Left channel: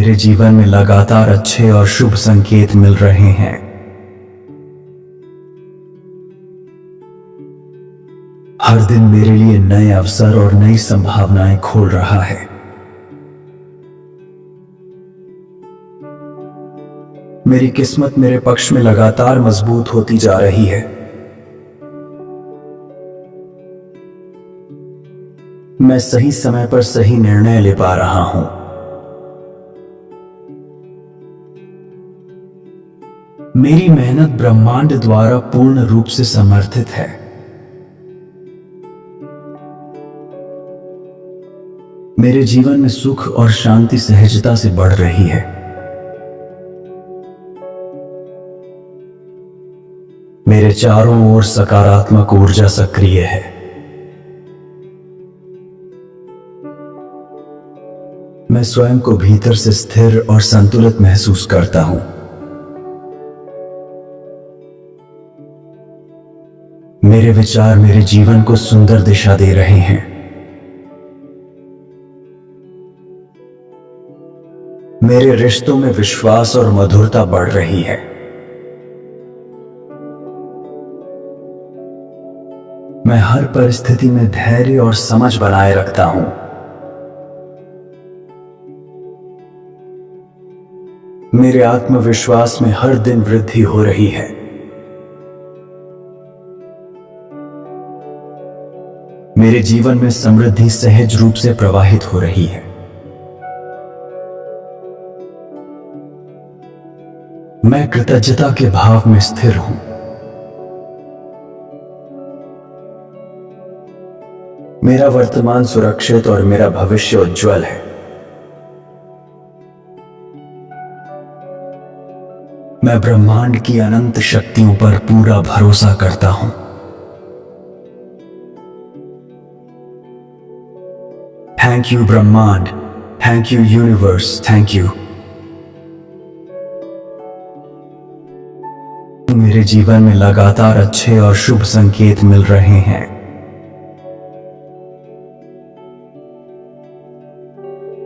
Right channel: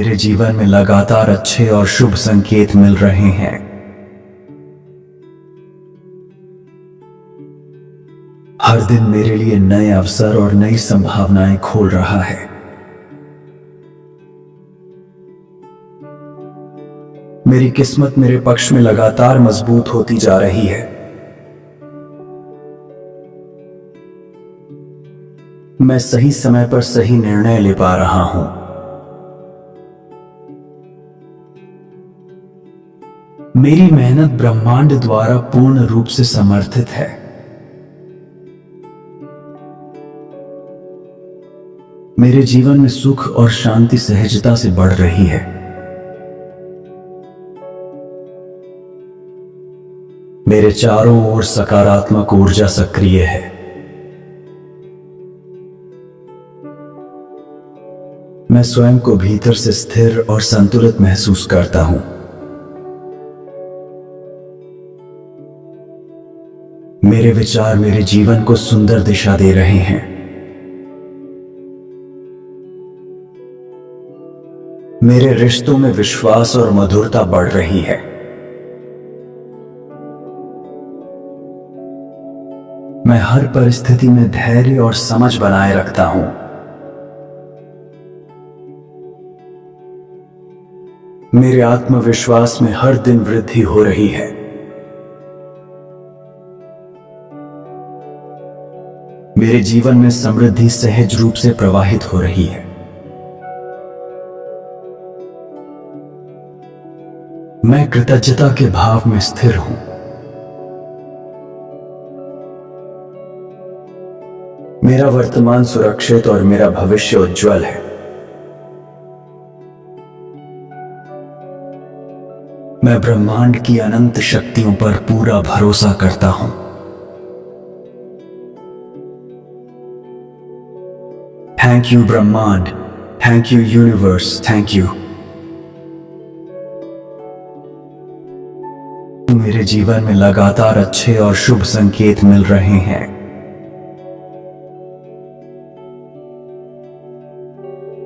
मेरे जीवन में लगातार अच्छे और शुभ संकेत मिल रहे हैं। हर दिन मेरे लिए नए अवसर और नई संभावनाएं खोल रहा है। मेरी किस्मत मेरे पक्ष में लगातार मजबूत होती जा रही है। मैं सही समय पर सही निर्णय ले पा रहा हूं। मेरी मेहनत ब्रह्मांड द्वारा पूर्ण रूप से समर्थित है। मेरे जीवन में सुख और शांति सहजता से बढ़ रही है। मेरे चारों ओर सकारात्मक ऊर्जा सक्रिय है। मैं स्वयं को भीतर से स्थिर और संतुलित महसूस करता हूं। मेरे विचार मेरे जीवन को सुंदर दिशा दे रहे हैं। मेरे रिश्तों में विश्वास और मधुरता बढ़ रही है। मैं हर परिस्थिति में धैर्य और समझ बनाए रखता हूं। मेरे आत्मविश्वास में हर दिन वृद्धि हो रही है। मेरे जीवन में समृद्धि सहज रूप से प्रवाहित हो रही है। मैं कृतज्ञता के भाव में स्थिर हूं। मेरा वर्तमान सुरक्षित और मेरा भविष्य उज्जवल है। मैं ब्रह्मांड की अनंत शक्तियों पर पूरा भरोसा करता हूं। थैंक यू ब्रह्मांड, thank you universe, thank you. मेरे जीवन में लगातार अच्छे और शुभ संकेत मिल रहे हैं।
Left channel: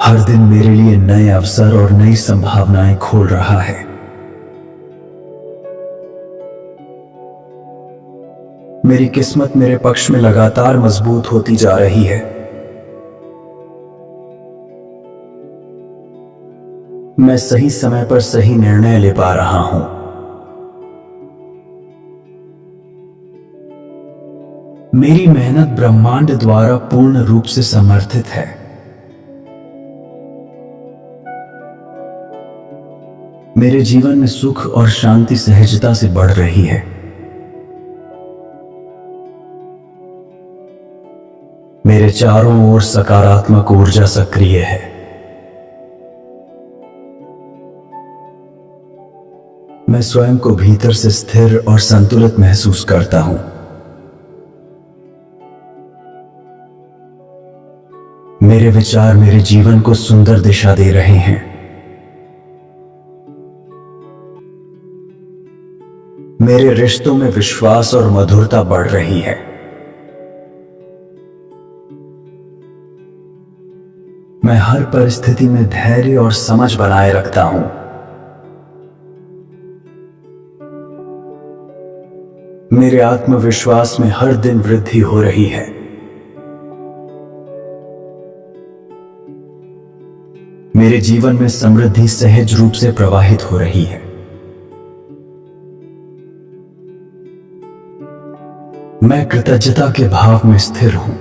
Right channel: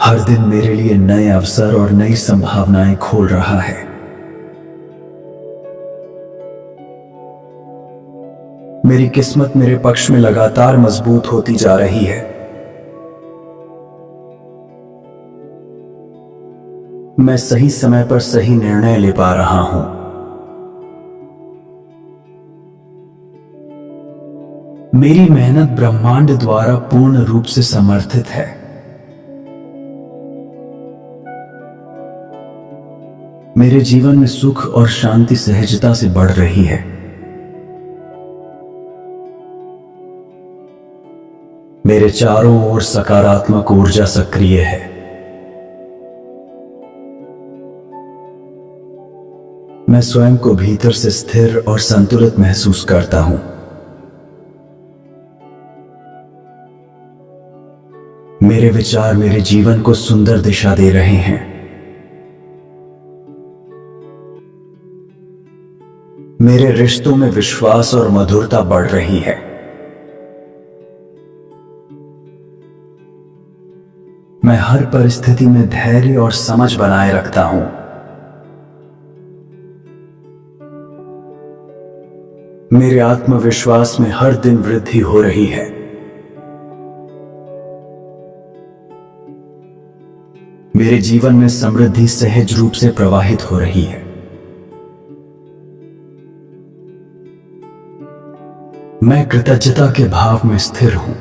हर दिन मेरे लिए नए अवसर और नई संभावनाएं खोल रहा है। मेरी किस्मत मेरे पक्ष में लगातार मजबूत होती जा रही है। मैं सही समय पर सही निर्णय ले पा रहा हूं। मेरी मेहनत ब्रह्मांड द्वारा पूर्ण रूप से समर्थित है। मेरे जीवन में सुख और शांति सहजता से बढ़ रही है। मेरे चारों ओर सकारात्मक ऊर्जा सक्रिय है। मैं स्वयं को भीतर से स्थिर और संतुलित महसूस करता हूं। मेरे विचार मेरे जीवन को सुंदर दिशा दे रहे हैं। मेरे रिश्तों में विश्वास और मधुरता बढ़ रही है। मैं हर परिस्थिति में धैर्य और समझ बनाए रखता हूं। मेरे आत्मविश्वास में हर दिन वृद्धि हो रही है। मेरे जीवन में समृद्धि सहज रूप से प्रवाहित हो रही है। मैं कृतज्ञता के भाव में स्थिर हूं।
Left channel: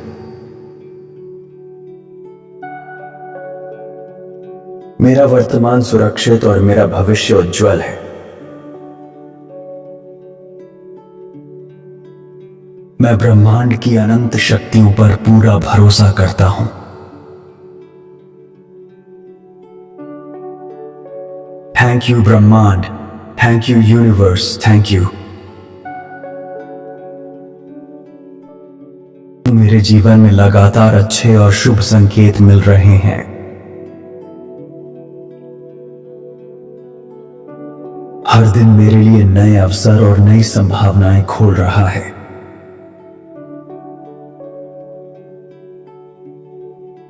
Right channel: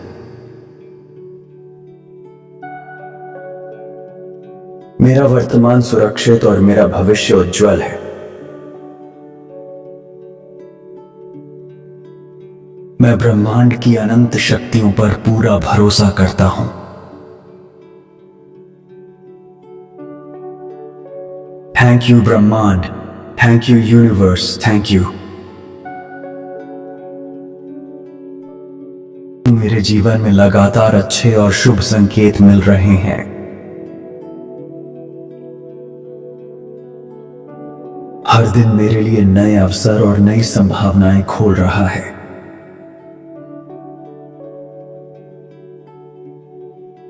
मेरा वर्तमान सुरक्षित और मेरा भविष्य उज्जवल है। मैं ब्रह्मांड की अनंत शक्तियों पर पूरा भरोसा करता हूं। थैंक यू ब्रह्मांड, thank you universe, thank you. मेरे जीवन में लगातार अच्छे और शुभ संकेत मिल रहे हैं। हर दिन मेरे लिए नए अवसर और नई संभावनाएं खोल रहा है।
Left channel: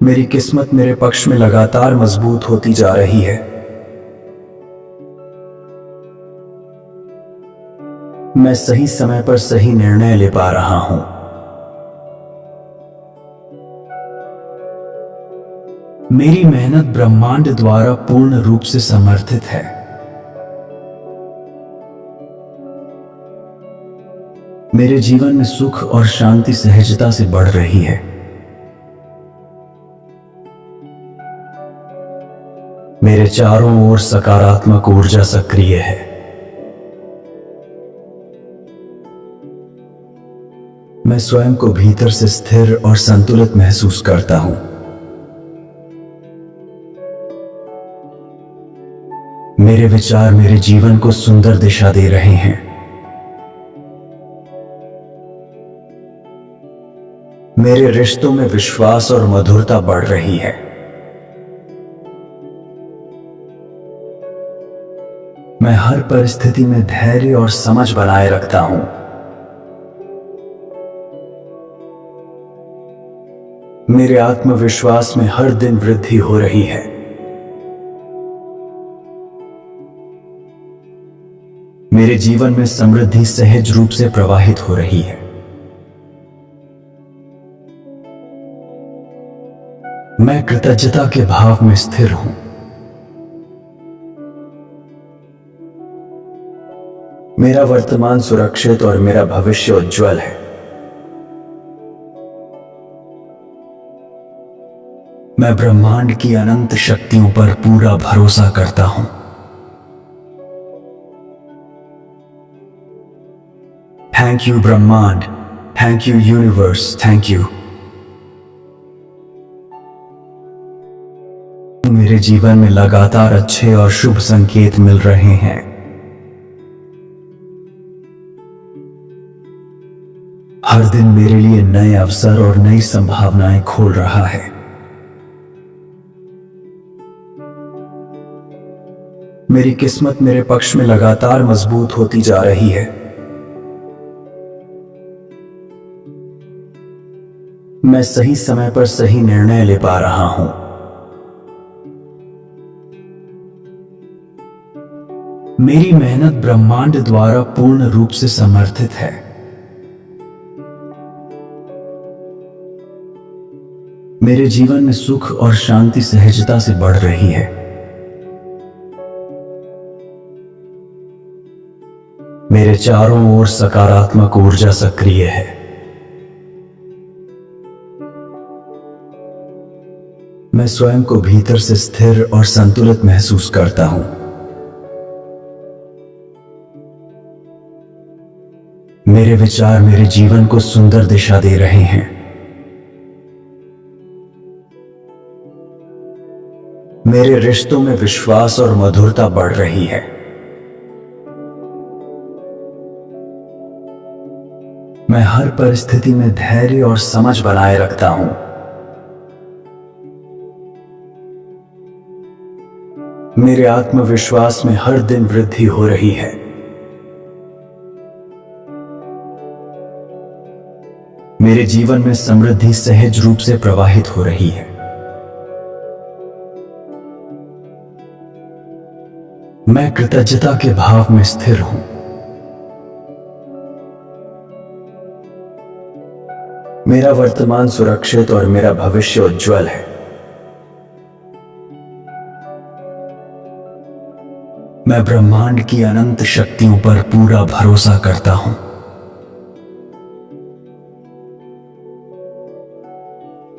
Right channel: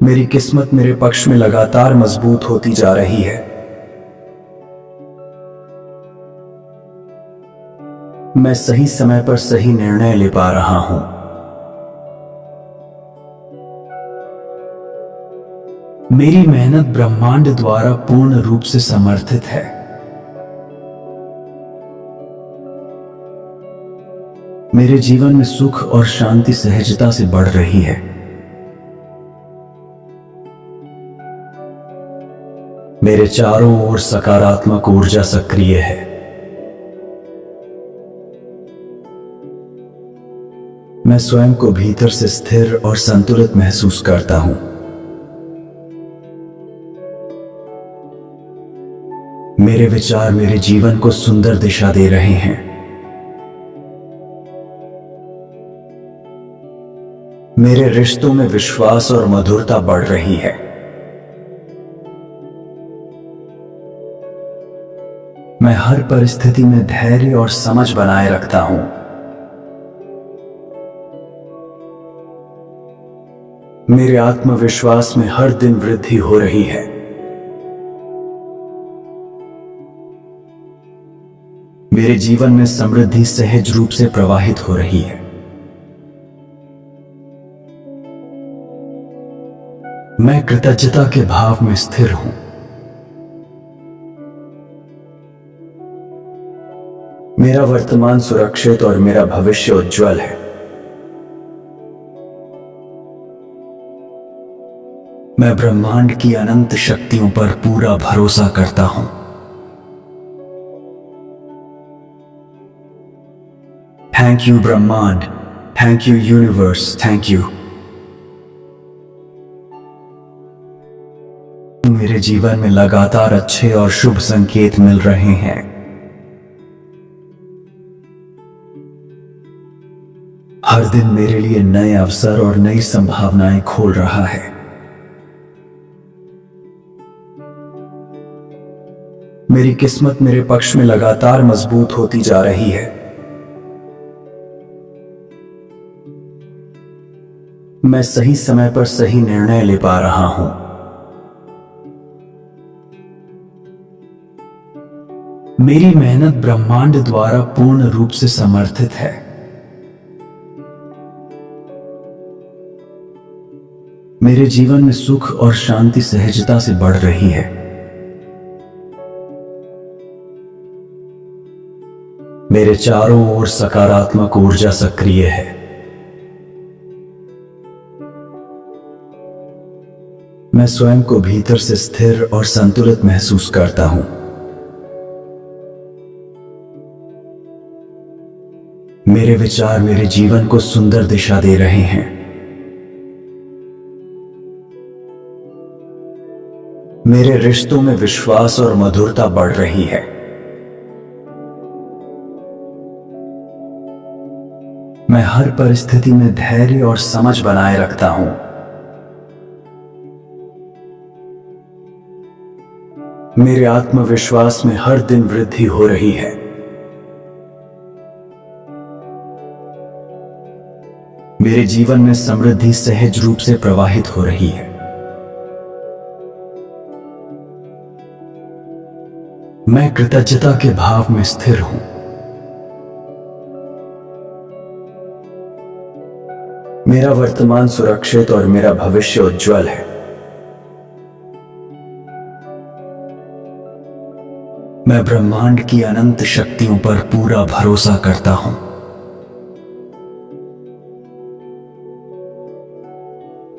मेरी किस्मत मेरे पक्ष में लगातार मजबूत होती जा रही है। मैं सही समय पर सही निर्णय ले पा रहा हूं। मेरी मेहनत ब्रह्मांड द्वारा पूर्ण रूप से समर्थित है। मेरे जीवन में सुख और शांति सहजता से बढ़ रही है। मेरे चारों ओर सकारात्मक ऊर्जा सक्रिय है। मैं स्वयं को भीतर से स्थिर और संतुलित महसूस करता हूं। मेरे विचार मेरे जीवन को सुंदर दिशा दे रहे हैं। मेरे रिश्तों में विश्वास और मधुरता बढ़ रही है। मैं हर परिस्थिति में धैर्य और समझ बनाए रखता हूं। मेरे आत्मविश्वास में हर दिन वृद्धि हो रही है। मेरे जीवन में समृद्धि सहज रूप से प्रवाहित हो रही है। मैं कृतज्ञता के भाव में स्थिर हूं। मेरा वर्तमान सुरक्षित और मेरा भविष्य उज्जवल है। मैं ब्रह्मांड की अनंत शक्तियों पर पूरा भरोसा करता हूं। थैंक यू ब्रह्मांड, thank you universe, thank you. मेरे जीवन में लगातार अच्छे और शुभ संकेत मिल रहे हैं। हर दिन मेरे लिए नए अवसर और नई संभावनाएं खोल रहा है। मेरी किस्मत मेरे पक्ष में लगातार मजबूत होती जा रही है। मैं सही समय पर सही निर्णय ले पा रहा हूं। मेरी मेहनत ब्रह्मांड द्वारा पूर्ण रूप से समर्थित है। मेरे जीवन में सुख और शांति सहजता से बढ़ रही है। मेरे चारों ओर सकारात्मक ऊर्जा सक्रिय है। मैं स्वयं को भीतर से स्थिर और संतुलित महसूस करता हूं। मेरे विचार मेरे जीवन को सुंदर दिशा दे रहे हैं। मेरे रिश्तों में विश्वास और मधुरता बढ़ रही है। मैं हर परिस्थिति में धैर्य और समझ बनाए रखता हूं। मेरे आत्मविश्वास में हर दिन वृद्धि हो रही है। मेरे जीवन में समृद्धि सहज रूप से प्रवाहित हो रही है। मैं कृतज्ञता के भाव में स्थिर हूं। मेरा वर्तमान सुरक्षित और मेरा भविष्य उज्जवल है। मैं ब्रह्मांड की अनंत शक्तियों पर पूरा भरोसा करता हूं।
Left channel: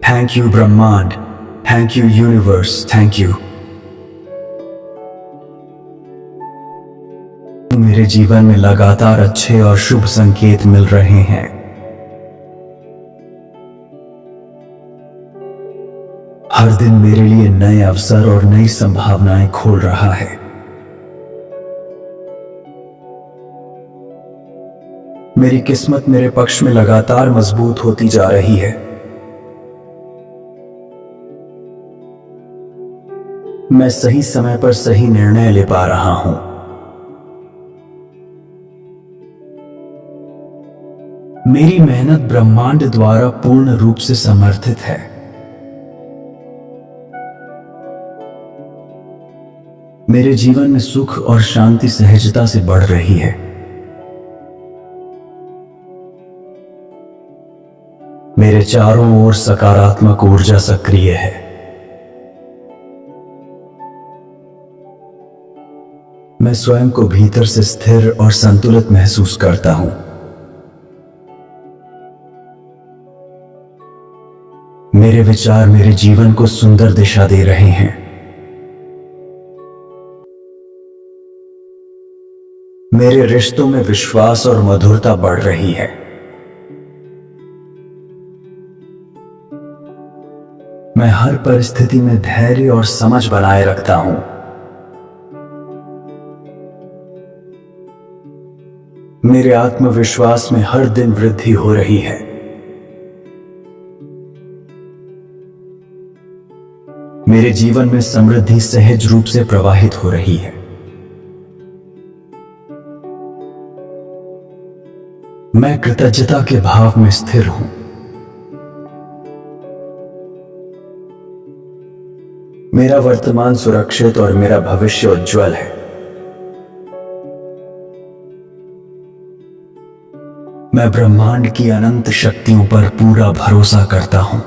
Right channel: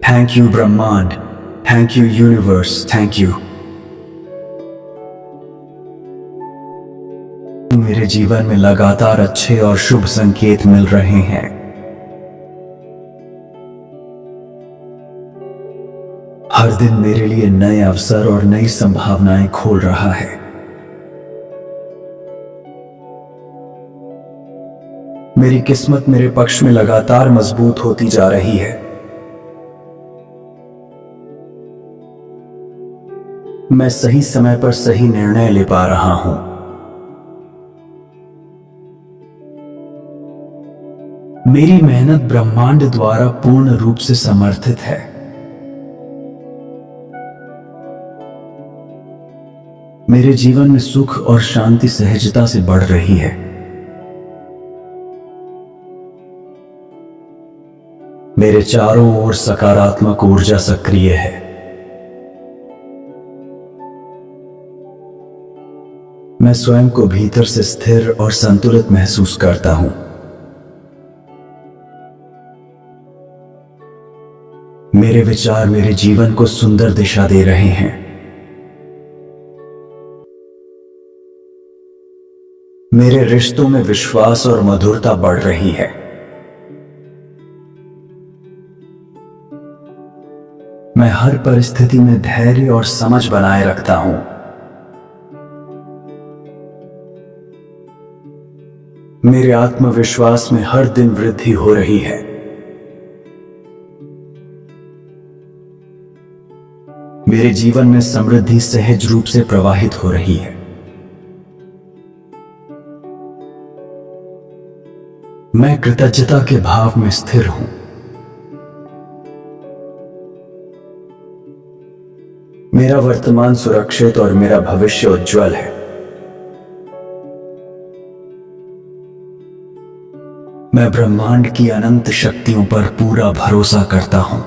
थैंक यू ब्रह्मांड, thank you universe, thank you. मेरे जीवन में लगातार अच्छे और शुभ संकेत मिल रहे हैं। हर दिन मेरे लिए नए अवसर और नई संभावनाएं खोल रहा है। मेरी किस्मत मेरे पक्ष में लगातार मजबूत होती जा रही है। मैं सही समय पर सही निर्णय ले पा रहा हूं। मेरी मेहनत ब्रह्मांड द्वारा पूर्ण रूप से समर्थित है। मेरे जीवन में सुख और शांति सहजता से बढ़ रही है। मेरे चारों ओर सकारात्मक ऊर्जा सक्रिय है। मैं स्वयं को भीतर से स्थिर और संतुलित महसूस करता हूं। मेरे विचार मेरे जीवन को सुंदर दिशा दे रहे हैं। मेरे रिश्तों में विश्वास और मधुरता बढ़ रही है। मैं हर परिस्थिति में धैर्य और समझ बनाए रखता हूं। मेरे आत्मविश्वास में हर दिन वृद्धि हो रही है। मेरे जीवन में समृद्धि सहज रूप से प्रवाहित हो रही है। मैं कृतज्ञता के भाव में स्थिर हूं। मेरा वर्तमान सुरक्षित और मेरा भविष्य उज्जवल है। मैं ब्रह्मांड की अनंत शक्तियों पर पूरा भरोसा करता हूं।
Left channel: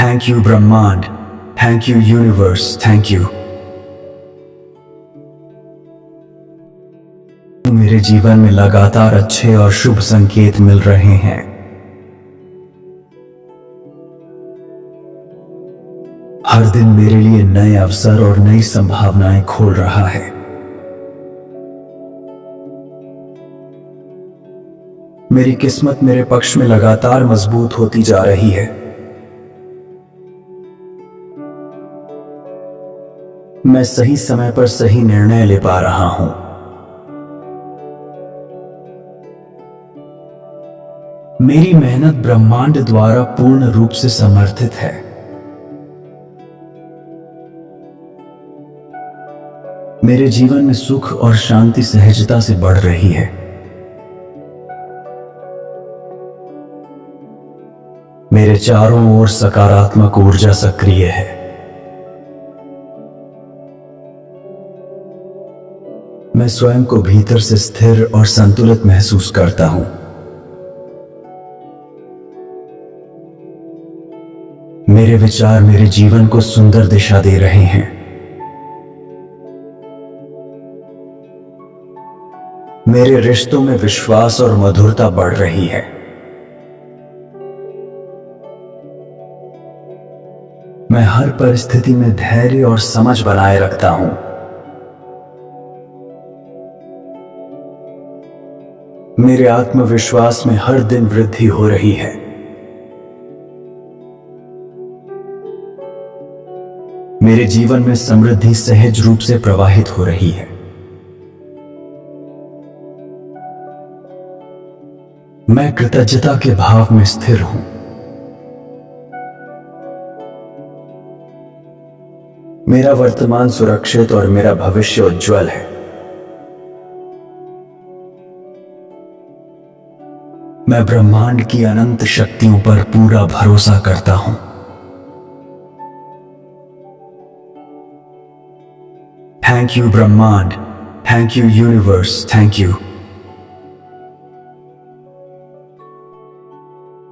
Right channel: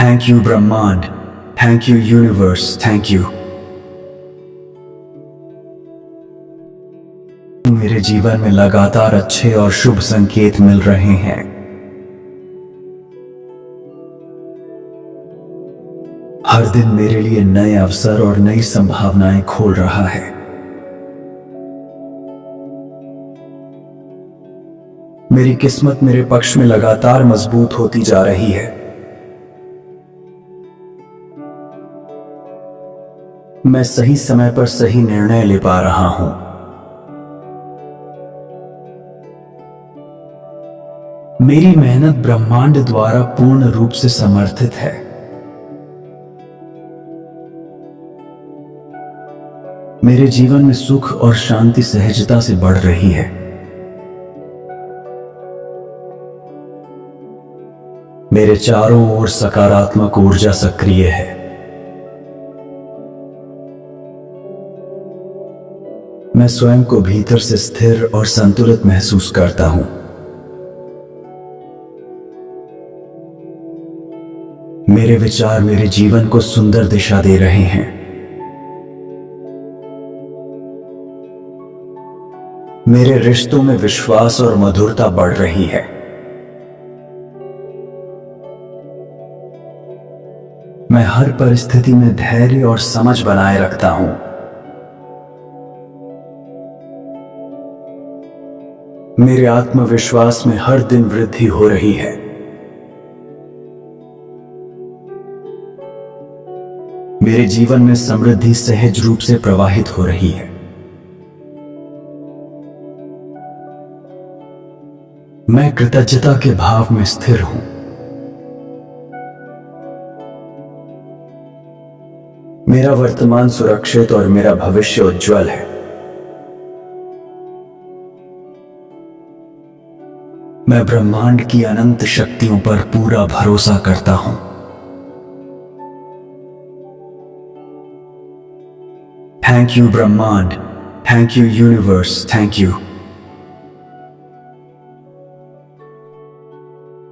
थैंक यू ब्रह्मांड, thank you universe, thank you. मेरे जीवन में लगातार अच्छे और शुभ संकेत मिल रहे हैं। हर दिन मेरे लिए नए अवसर और नई संभावनाएं खोल रहा है। मेरी किस्मत मेरे पक्ष में लगातार मजबूत होती जा रही है। मैं सही समय पर सही निर्णय ले पा रहा हूं। मेरी मेहनत ब्रह्मांड द्वारा पूर्ण रूप से समर्थित है। मेरे जीवन में सुख और शांति सहजता से बढ़ रही है। मेरे चारों ओर सकारात्मक ऊर्जा सक्रिय है। मैं स्वयं को भीतर से स्थिर और संतुलित महसूस करता हूं। मेरे विचार मेरे जीवन को सुंदर दिशा दे रहे हैं। मेरे रिश्तों में विश्वास और मधुरता बढ़ रही है। मैं हर परिस्थिति में धैर्य और समझ बनाए रखता हूं। मेरे आत्मविश्वास में हर दिन वृद्धि हो रही है। मेरे जीवन में समृद्धि सहज रूप से प्रवाहित हो रही है। मैं कृतज्ञता के भाव में स्थिर हूं। मेरा वर्तमान सुरक्षित और मेरा भविष्य उज्जवल है। मैं ब्रह्मांड की अनंत शक्तियों पर पूरा भरोसा करता हूं। थैंक यू ब्रह्मांड, thank you universe, thank you.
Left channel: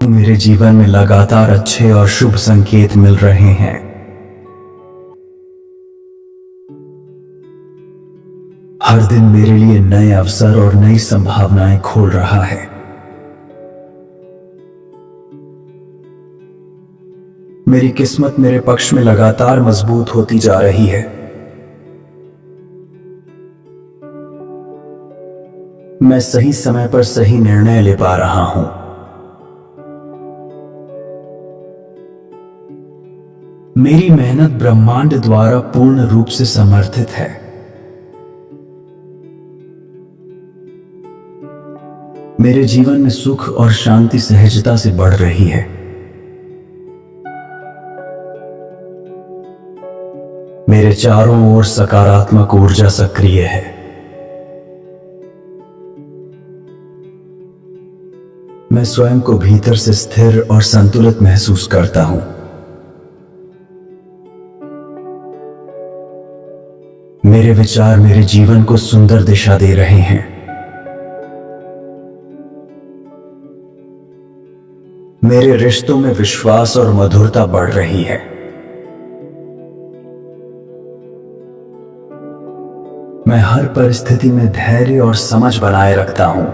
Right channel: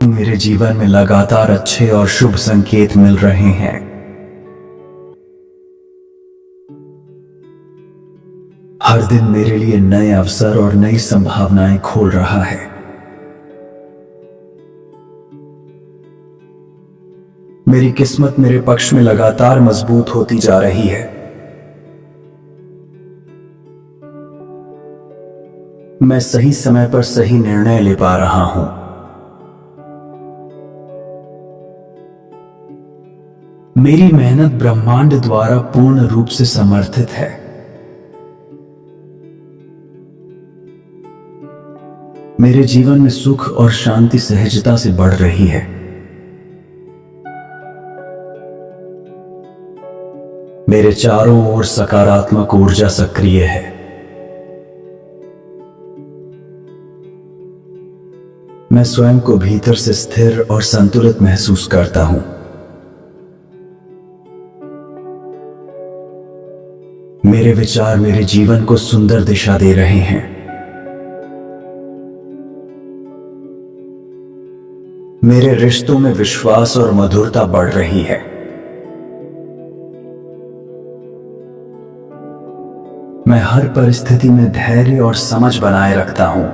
मेरे जीवन में लगातार अच्छे और शुभ संकेत मिल रहे हैं। हर दिन मेरे लिए नए अवसर और नई संभावनाएं खोल रहा है। मेरी किस्मत मेरे पक्ष में लगातार मजबूत होती जा रही है। मैं सही समय पर सही निर्णय ले पा रहा हूं। मेरी मेहनत ब्रह्मांड द्वारा पूर्ण रूप से समर्थित है। मेरे जीवन में सुख और शांति सहजता से बढ़ रही है। मेरे चारों ओर सकारात्मक ऊर्जा सक्रिय है। मैं स्वयं को भीतर से स्थिर और संतुलित महसूस करता हूं। मेरे विचार मेरे जीवन को सुंदर दिशा दे रहे हैं। मेरे रिश्तों में विश्वास और मधुरता बढ़ रही है। मैं हर परिस्थिति में धैर्य और समझ बनाए रखता हूं।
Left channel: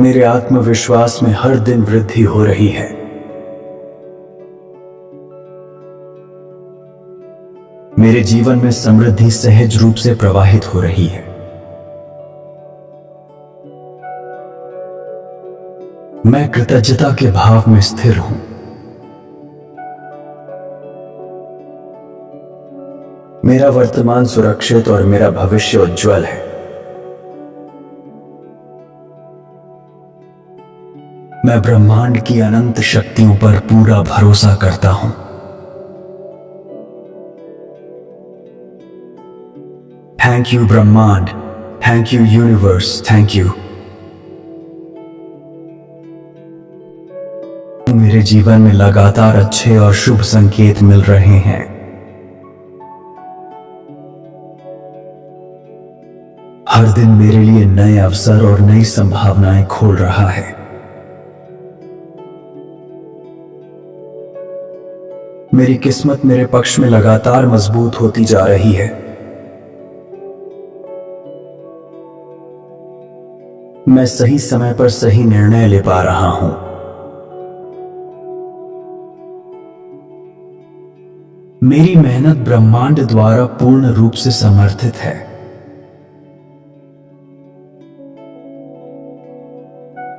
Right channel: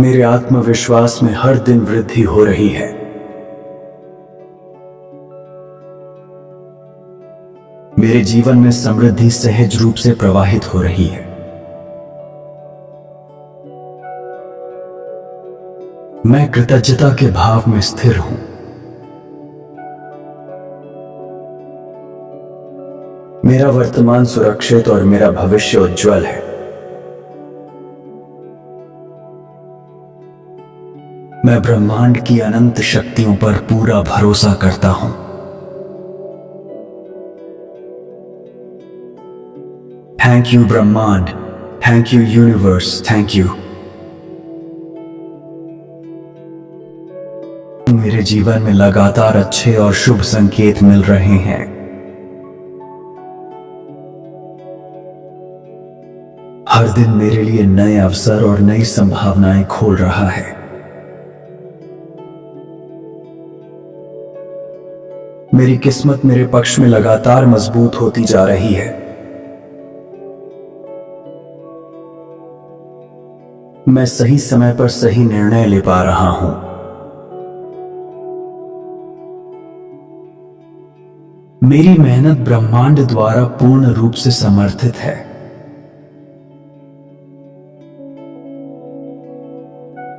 मेरे आत्मविश्वास में हर दिन वृद्धि हो रही है। मेरे जीवन में समृद्धि सहज रूप से प्रवाहित हो रही है। मैं कृतज्ञता के भाव में स्थिर हूं। मेरा वर्तमान सुरक्षित और मेरा भविष्य उज्जवल है। मैं ब्रह्मांड की अनंत शक्तियों पर पूरा भरोसा करता हूं। थैंक यू ब्रह्मांड, thank you universe, thank you. मेरे जीवन में लगातार अच्छे और शुभ संकेत मिल रहे हैं। हर दिन मेरे लिए नए अवसर और नई संभावनाएं खोल रहा है। मेरी किस्मत मेरे पक्ष में लगातार मजबूत होती जा रही है। मैं सही समय पर सही निर्णय ले पा रहा हूं। मेरी मेहनत ब्रह्मांड द्वारा पूर्ण रूप से समर्थित है।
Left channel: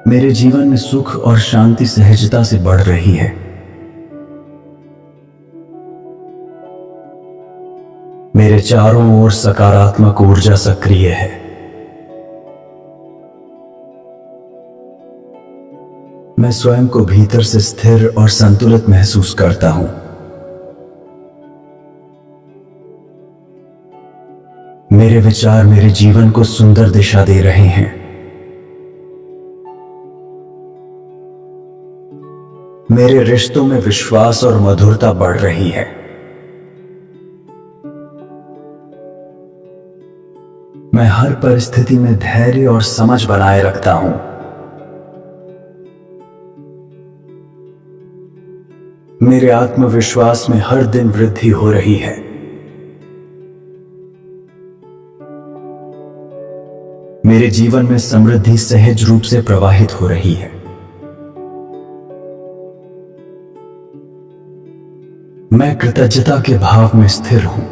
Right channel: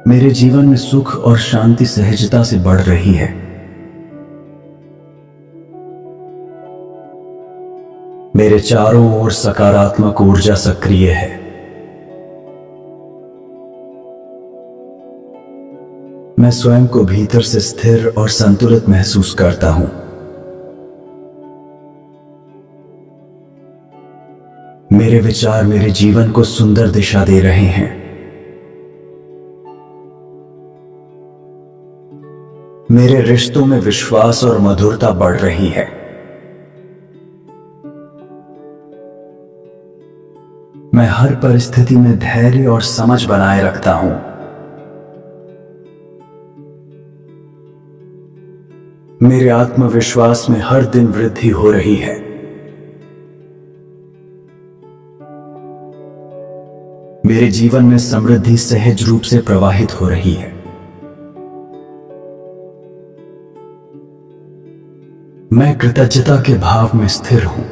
मेरे जीवन में सुख और शांति सहजता से बढ़ रही है। मेरे चारों ओर सकारात्मक ऊर्जा सक्रिय है। मैं स्वयं को भीतर से स्थिर और संतुलित महसूस करता हूं। मेरे विचार मेरे जीवन को सुंदर दिशा दे रहे हैं। मेरे रिश्तों में विश्वास और मधुरता बढ़ रही है। मैं हर परिस्थिति में धैर्य और समझ बनाए रखता हूं। मेरे आत्मविश्वास में हर दिन वृद्धि हो रही है। मेरे जीवन में समृद्धि सहज रूप से प्रवाहित हो रही है। मैं कृतज्ञता के भाव में स्थिर हूं।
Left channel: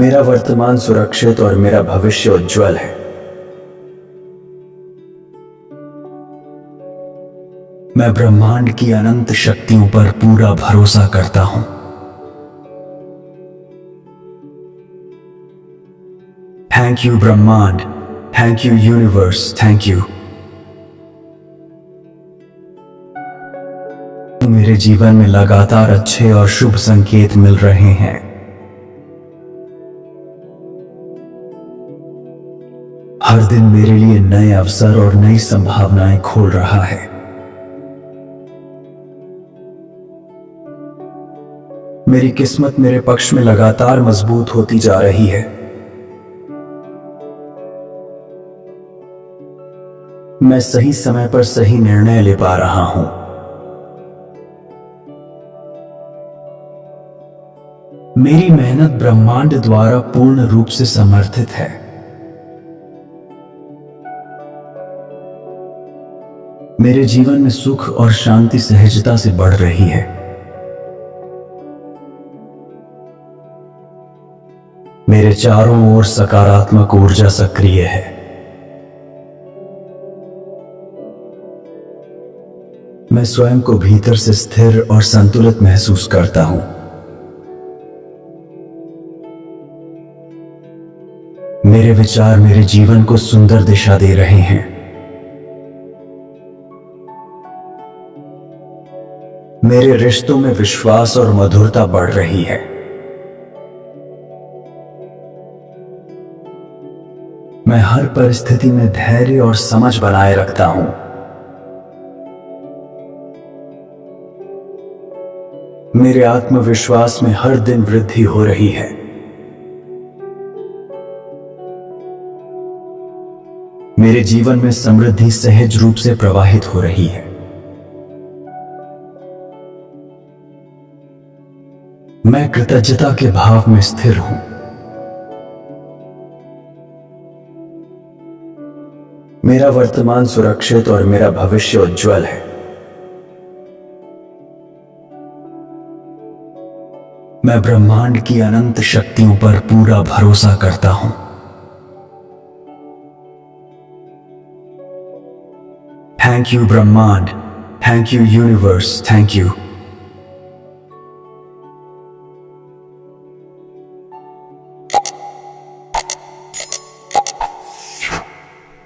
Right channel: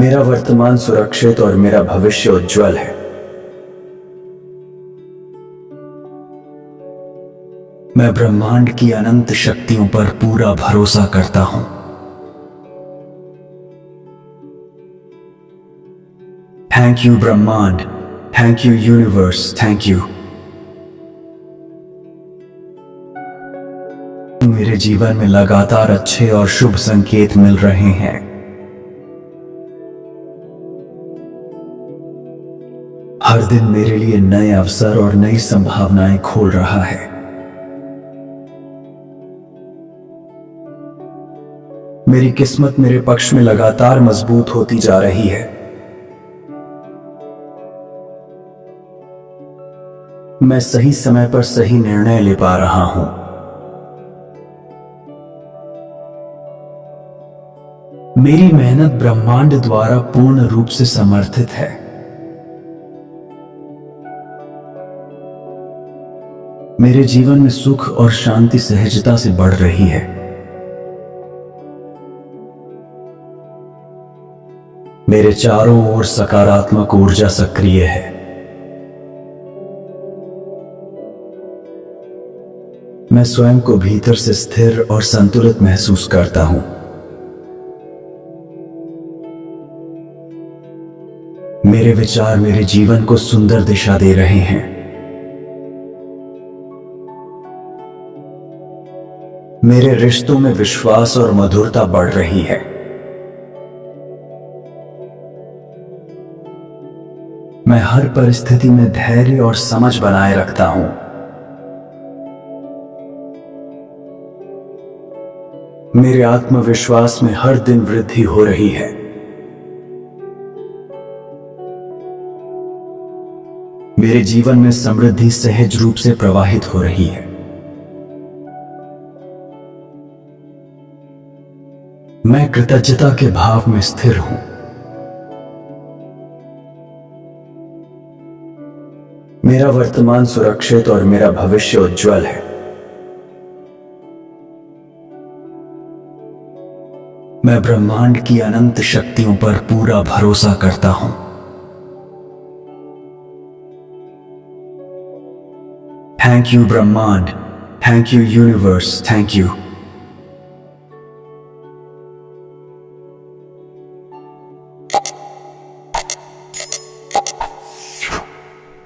मेरा वर्तमान सुरक्षित और मेरा भविष्य उज्जवल है। मैं ब्रह्मांड की अनंत शक्तियों पर पूरा भरोसा करता हूं। थैंक यू ब्रह्मांड, thank you universe, thank you. मेरे जीवन में लगातार अच्छे और शुभ संकेत मिल रहे हैं। हर दिन मेरे लिए नए अवसर और नई संभावनाएं खोल रहा है। मेरी किस्मत मेरे पक्ष में लगातार मजबूत होती जा रही है। मैं सही समय पर सही निर्णय ले पा रहा हूं। मेरे विचार मेरे जीवन को सुंदर दिशा दे रहे हैं। हर दिन मेरे लिए नए अवसर और नई संभावनाएं खोल रहा है। मेरी किस्मत मेरे पक्ष में लगातार मजबूत होती जा रही है। मैं सही समय पर सही निर्णय ले पा रहा हूं। मैं सही समय पर सही निर्णय ले पा रहा हूं। मेरी मेहनत ब्रह्मांड द्वारा पूर्ण रूप से समर्थित है। मेरे जीवन में सुख और शांति सहजता से बढ़ रही है। मेरे चारों ओर सकारात्मक ऊर्जा सक्रिय है। मैं स्वयं को भीतर से स्थिर और संतुलित महसूस करता हूं। मेरे विचार मेरे जीवन को सुंदर दिशा दे रहे हैं। मेरे रिश्तों में विश्वास और मधुरता बढ़ रही है। मैं हर परिस्थिति में धैर्य और समझ बनाए रखता हूं। मेरे आत्मविश्वास में हर दिन वृद्धि हो रही है। मेरे जीवन में समृद्धि सहज रूप से प्रवाहित हो रही है। मैं स्वयं को भीतर से स्थिर और संतुलित महसूस करता हूं। मेरे विचार मेरे जीवन को सुंदर दिशा दे रहे हैं। मेरे रिश्तों में विश्वास और मधुरता बढ़ रही है। मैं हर परिस्थिति में धैर्य और समझ बनाए रखता हूं। मेरे आत्मविश्वास में हर दिन वृद्धि हो रही है। मेरे जीवन में समृद्धि सहज रूप से प्रवाहित हो रही है। मैं कृतज्ञता के भाव में स्थिर हूं। मेरा वर्तमान सुरक्षित और मेरा भविष्य उज्जवल है। मैं ब्रह्मांड की अनंत शक्तियों पर पूरा भरोसा करता हूं। थैंक यू ब्रह्मांड, thank you universe, thank you.